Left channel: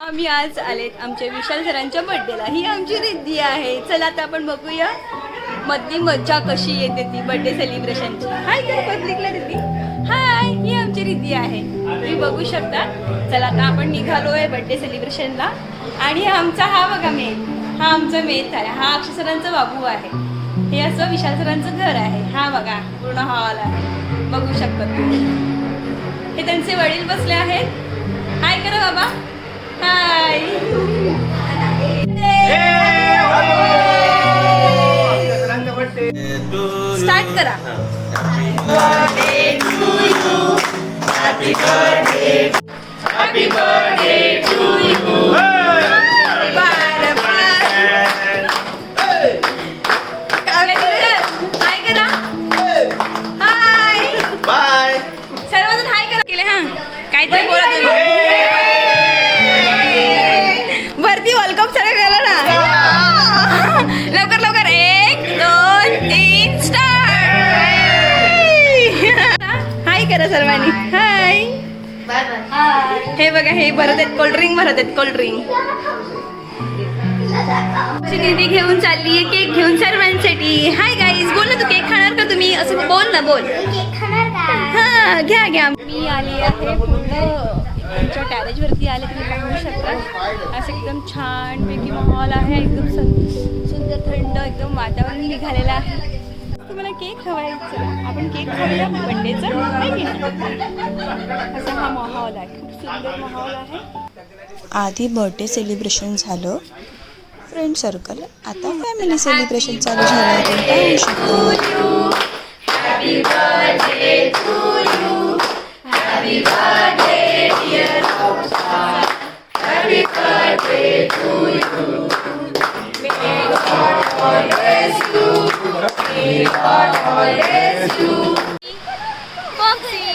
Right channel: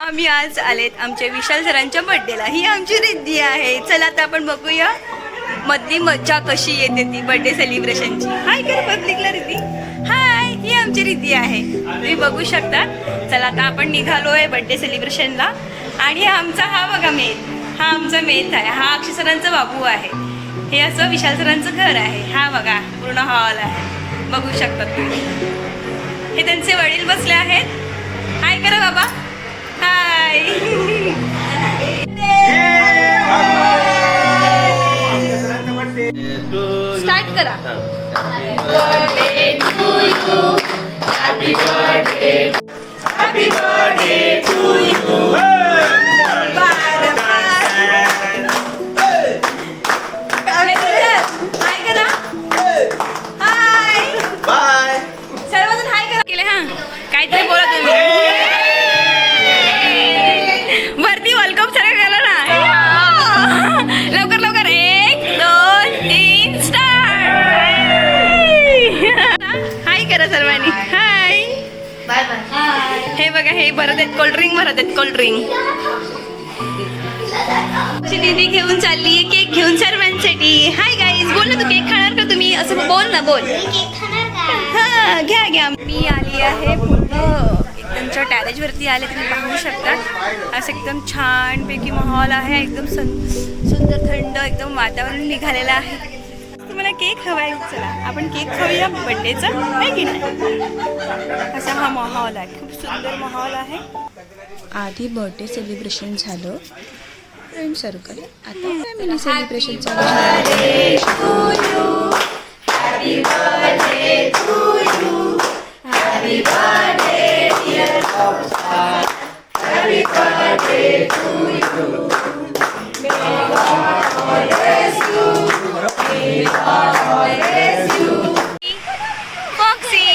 आम्ही आज आलेत आमच्या विशाल सरांच्या बर्थडेला. ही आमची रिद्धी आहे. चला आता आपण बघूया मधली मज्जा कशी येते ती बर्थडे सेलिब्रेशनची. हाय कर पब्लिकला रिद्धी. हाय, ही आमची रिद्धी आहे, तुम्ही बघू शकता. चला आता आपण निघालोय बर्थडे सेलिब्रेशनला. आणि आमचा हा बघा मेथ, हा आमचा मेथ आहे. हा अक्षय सरांचा बाबू आहे. हे असं विशाल सरांचं घर आहे. हा बघा पूर्ण हॉल आहे, बघू शकता तुम्ही. हे त्यांचे वडील बसले आहेत. हाय करा बाबा. हाय. स्टार्ट करा. सर्वजण हाय करा केले. हा काहीतरी बोला तुम्ही. वरती वेलकम सगळं केलं ना. लवकर लवकर 1 2 3 स्टार्ट. हाय करा सर्वांनी. हाय. हे बघा हे भरत आहेत कोल्ड्रिंक, भरत आहेत कोल्ड्रिंक. दीदी घेऊन चालली आहे केक घेऊन सर्वांसाठी. हाय गाईज, बोल ना तू केक खाणार का तुम्ही, असं बोल ना, बोल. हा घ्या घ्या. मी आली आहे पूर्ण त्यांच्या टॅरेजवरती आले, तुम्ही पाहू शकता. असं एकदम छानपैकी माहोल आहे, एकदम सुंदर थंड एकदम वातावरण निघालेलं आहे. तुम्हाला केक हवाय, चला आपण केक खाऊया बर्थडेचा, आहे की नाही. असा हा माहोल आहे, खूप सुंदर माहोल आहे. आधी बर्थडे सेलिब्रेशन झालं, फ्रेंड सर्कल, आता फॅमिली सेलिब्रेशन चालू झालं. Happy birthday to you. Happy birthday dear Roshan. Happy birthday to you. May God always you. May God always you. Foxy.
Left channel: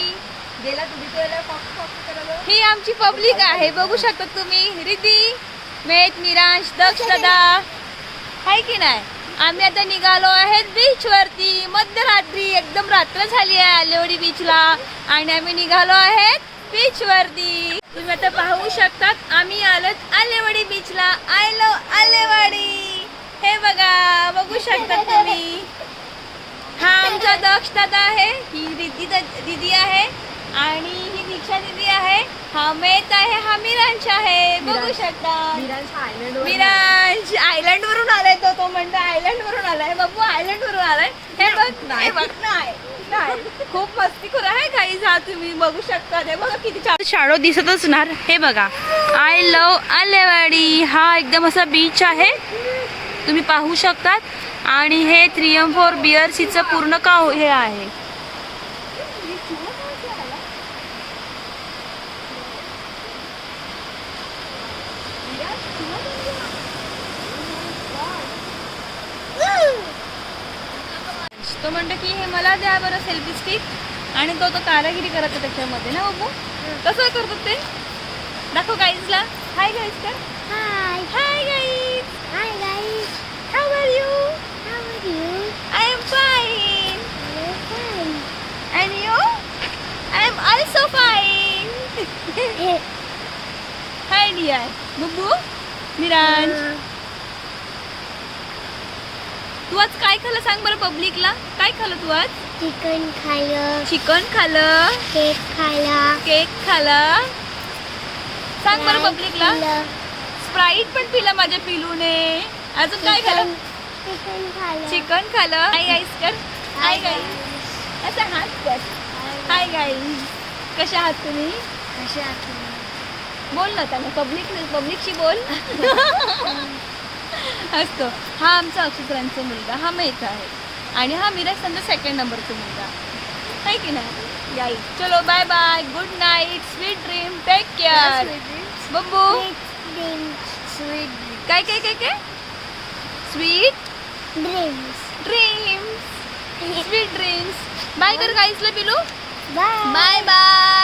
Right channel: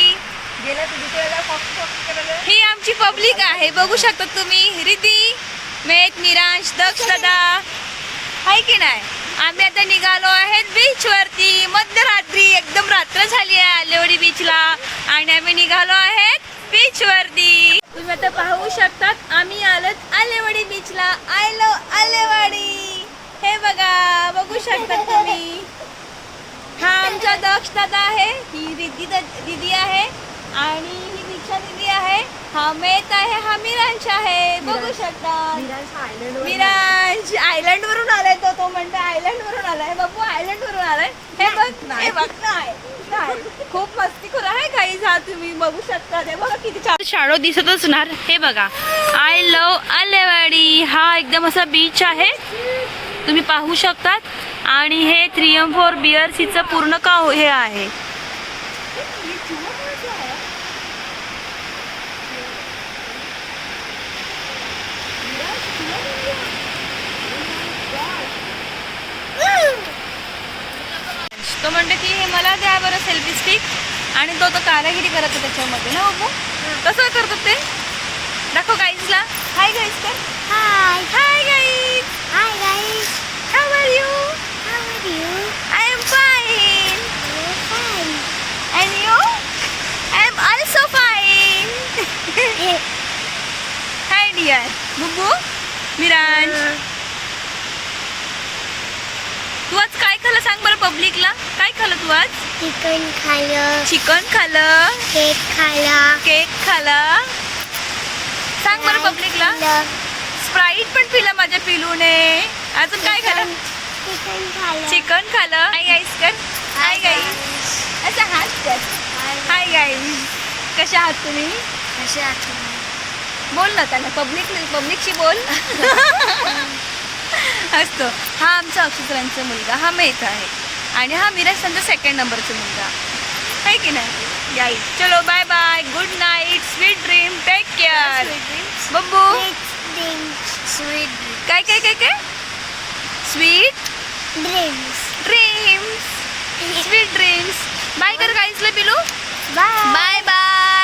ही आमची पब्लिक आहे, बघू शकता तुम्ही. रिद्धी, मेघ, मिरांश, दक्ष दादा, आहे की नाही. आम्ही आता निघालो आहेत बीच वरती. मध्यरात्री, एकदम रात्र झाली आहे आलेवाडी बीचला, आणि आम्ही निघालो आहेत बीच वरती. तुम्ही आता पाहू शकतात आम्ही आलोत आलेवाडी बीचला. I love Alewadi. हे बघा, बघू शकतात तुम्ही. हा आमचा दक्ष दादा आहे, ही रिद्धी दीदी आहे, आणि ही दीक्षा दीदी आहे. हा मेथ आहे, हा मिरांश आहे, बघू शकता. मिरांश आयलंड वरून आलाय. तो म्हणतो आयलंड वरून आलाय. बाबू आयलंड वरून आलाय. हे बघ, हे बघ. नाही खूप मस्तीखोर आहे काही. हा तुम्ही बघू शकता. हे बघा किती छान शाडो दिसतच ना. हे बघा, आय लव्ह आलेवाडी. हा एकदम असा बीच आहे, तुम्ही पाहू शकतात. आणि हे 3M4 BRCचं पूर्ण हे आहे. तो म्हणतो की हे मला द्या बरं सेल्फी स्टिक, आणि तो कारागिरी करत आहे त्याच्यामध्ये ना बाबू. कसं करतात ते दाखव गाईजला. हाय गाईज कर. Hi hi guys. Hi guys. How are you. How are you. I am fine. Fine. And you. I am also fine. Hi dear. Bubbu, Miransh, तू आज काय खाल्लं सांग बरं पब्लिकला. काय खाल्लं तू आज. चिकन खाल्लं. चिकन खाल्लं. केक खाल्ला. केक खाल्ला. सांग बरं पब्लिकला. स्प्राईट पण पिलं माझ्या पिलूने. अजून काय खाल्लं. चिकन खाल्लं. चिकन खाल्लं. हाय गाईस कर. Hi guys. असं हात कर. Hi guys. कशा आहात तुम्ही. कसे आहात. बोल ना त्यांना, पब्लिकशी बोल. असतो. हा आमचा अक्षय सरांचा मुलगा, हा मेथ आहे, आणि हा मिराज त्यांचा 2nd नंबरचा मुलगा आहे की नाही. याई चलो bye bye, good night, sweet dream, take care. Babbu sweet काय काय काय काय sweet dreams. Dreams, sweet dreams. Bye कर गाईसला पिलू. Bye bye bye.